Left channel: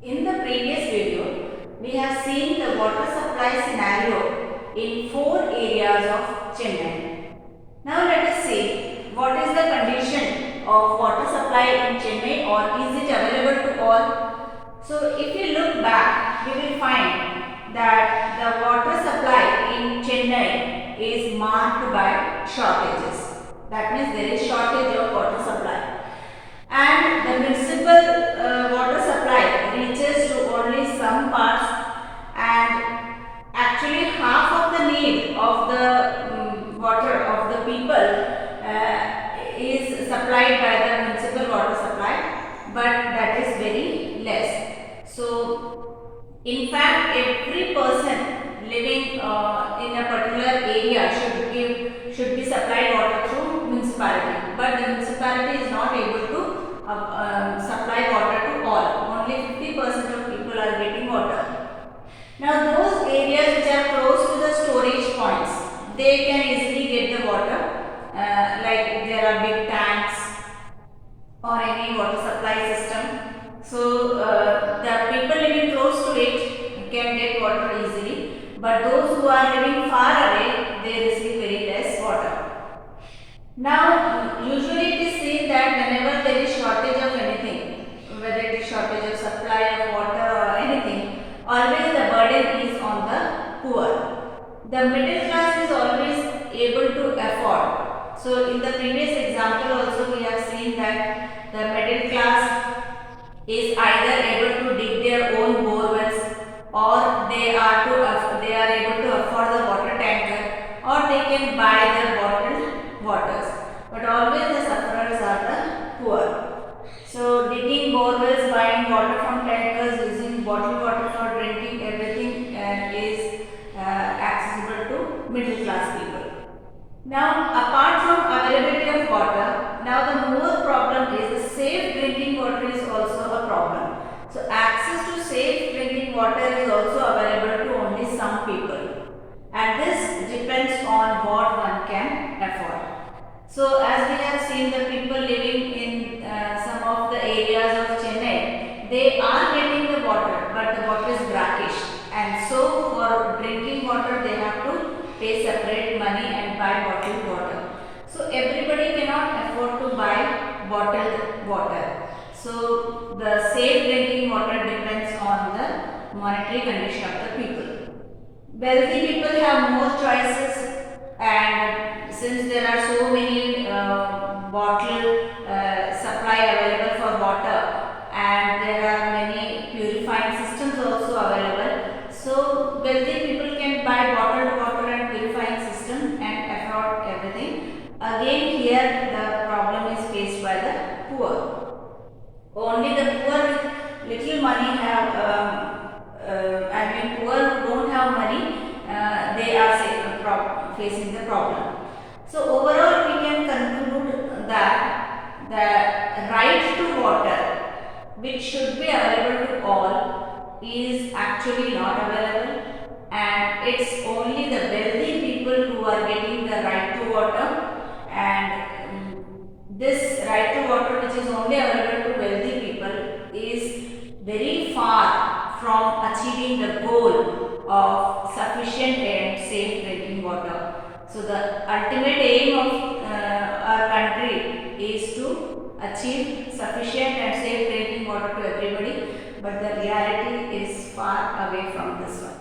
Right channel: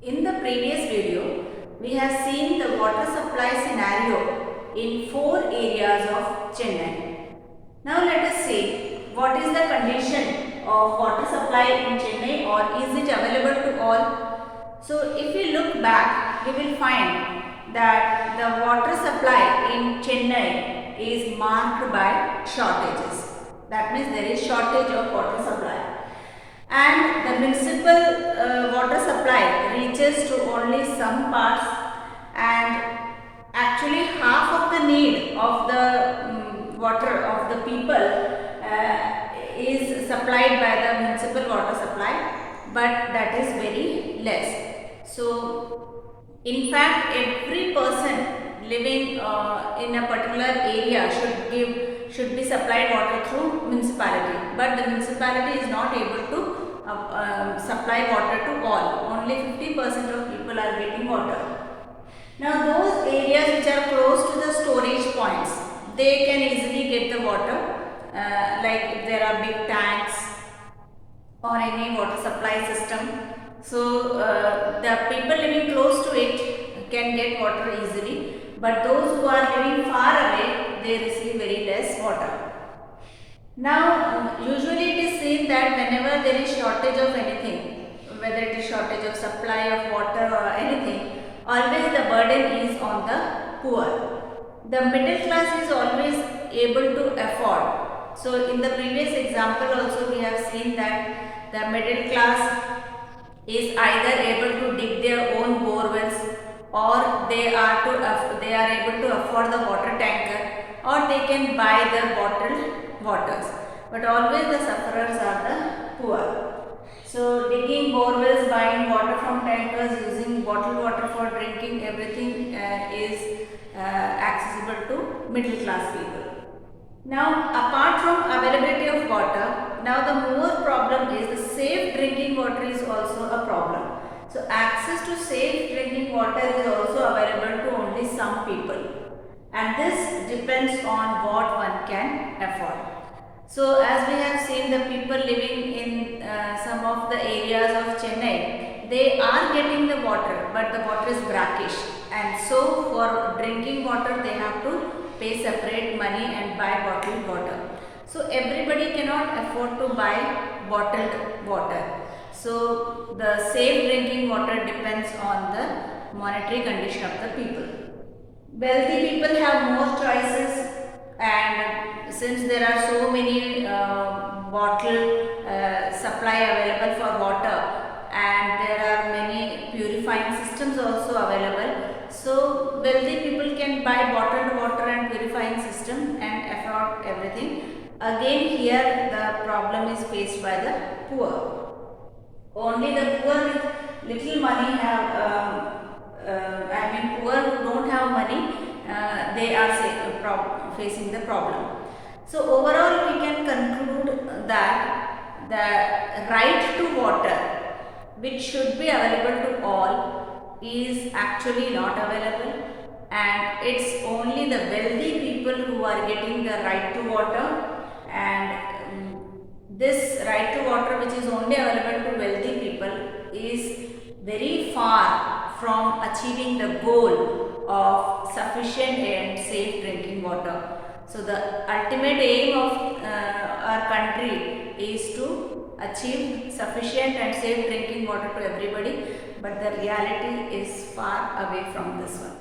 In the previous video, we have seen the water supply scenario in 4 areas of Chennai. Now let us see what is the condition of water supply in Chennai, or is it available to all? So if we look back, we will find that the water supply in Chennai is marked by shortages. That means there is shortage of water supply. And the municipal water supply reaches to only some parts, and actually half of the need of the water of the people is supplied by the municipal water supply, but that is very less. So in fact, every person living in a particular area should be supplied water through municipality, but the municipality is not able to supply water to all. Only 50% of people are getting water. Now those areas which are close to the storage points, they can easily get the water, like if there are big tanks or any water supply system. So the people living close to it can get water easily, but those who are living far away, they receive very less water. Now, usually it is seen that whenever there is shortage of anything, whether it is shortage of supply of water or anything, always the burden is on the poor. The middle class is always able to afford. So, in the previous example also we have seen that the middle class is either able to dig their own bore wells, or they are able to afford the water tanker, or they can buy the bottled waters, but always the sufferers are the poor. So digging bore wells, buying water from tankers, using bottled water for drinking, everything is accessible to middle class people. Now apart from availability of water, now the more problem is the safe drinking water is also a problem. So access to safe drinking water is also available to only some people, and this depends on what one can afford. So as we have seen, the people living in some of the areas of Chennai, they are getting the water, but the water is brackish, and so for drinking water they have to pay separate money and buy bottled water. So everybody cannot afford to buy bottled water. So the safe drinking water depends on the monetary condition of the people. Wealthy people have more choices, and since there are so many bottled supply available for water, and there are many purifying systems also available, so wealthy people can buy bottled water and purifying system and afford everything. Again here the problem is faced by the poor. Only the poor with little money have, poor who don't have money, they are facing the problem. So overall we can conclude that the right to water, which should be available to all, is actually not available, and it's only the wealthy people who are getting the right to water, and this right to water, which is only available to wealthy people, is very far from achieving the goal of sufficient and safe drinking water. So the ultimate aim of our country is to achieve sufficient and safe drinking water to everybody, but the reality is far away from this one.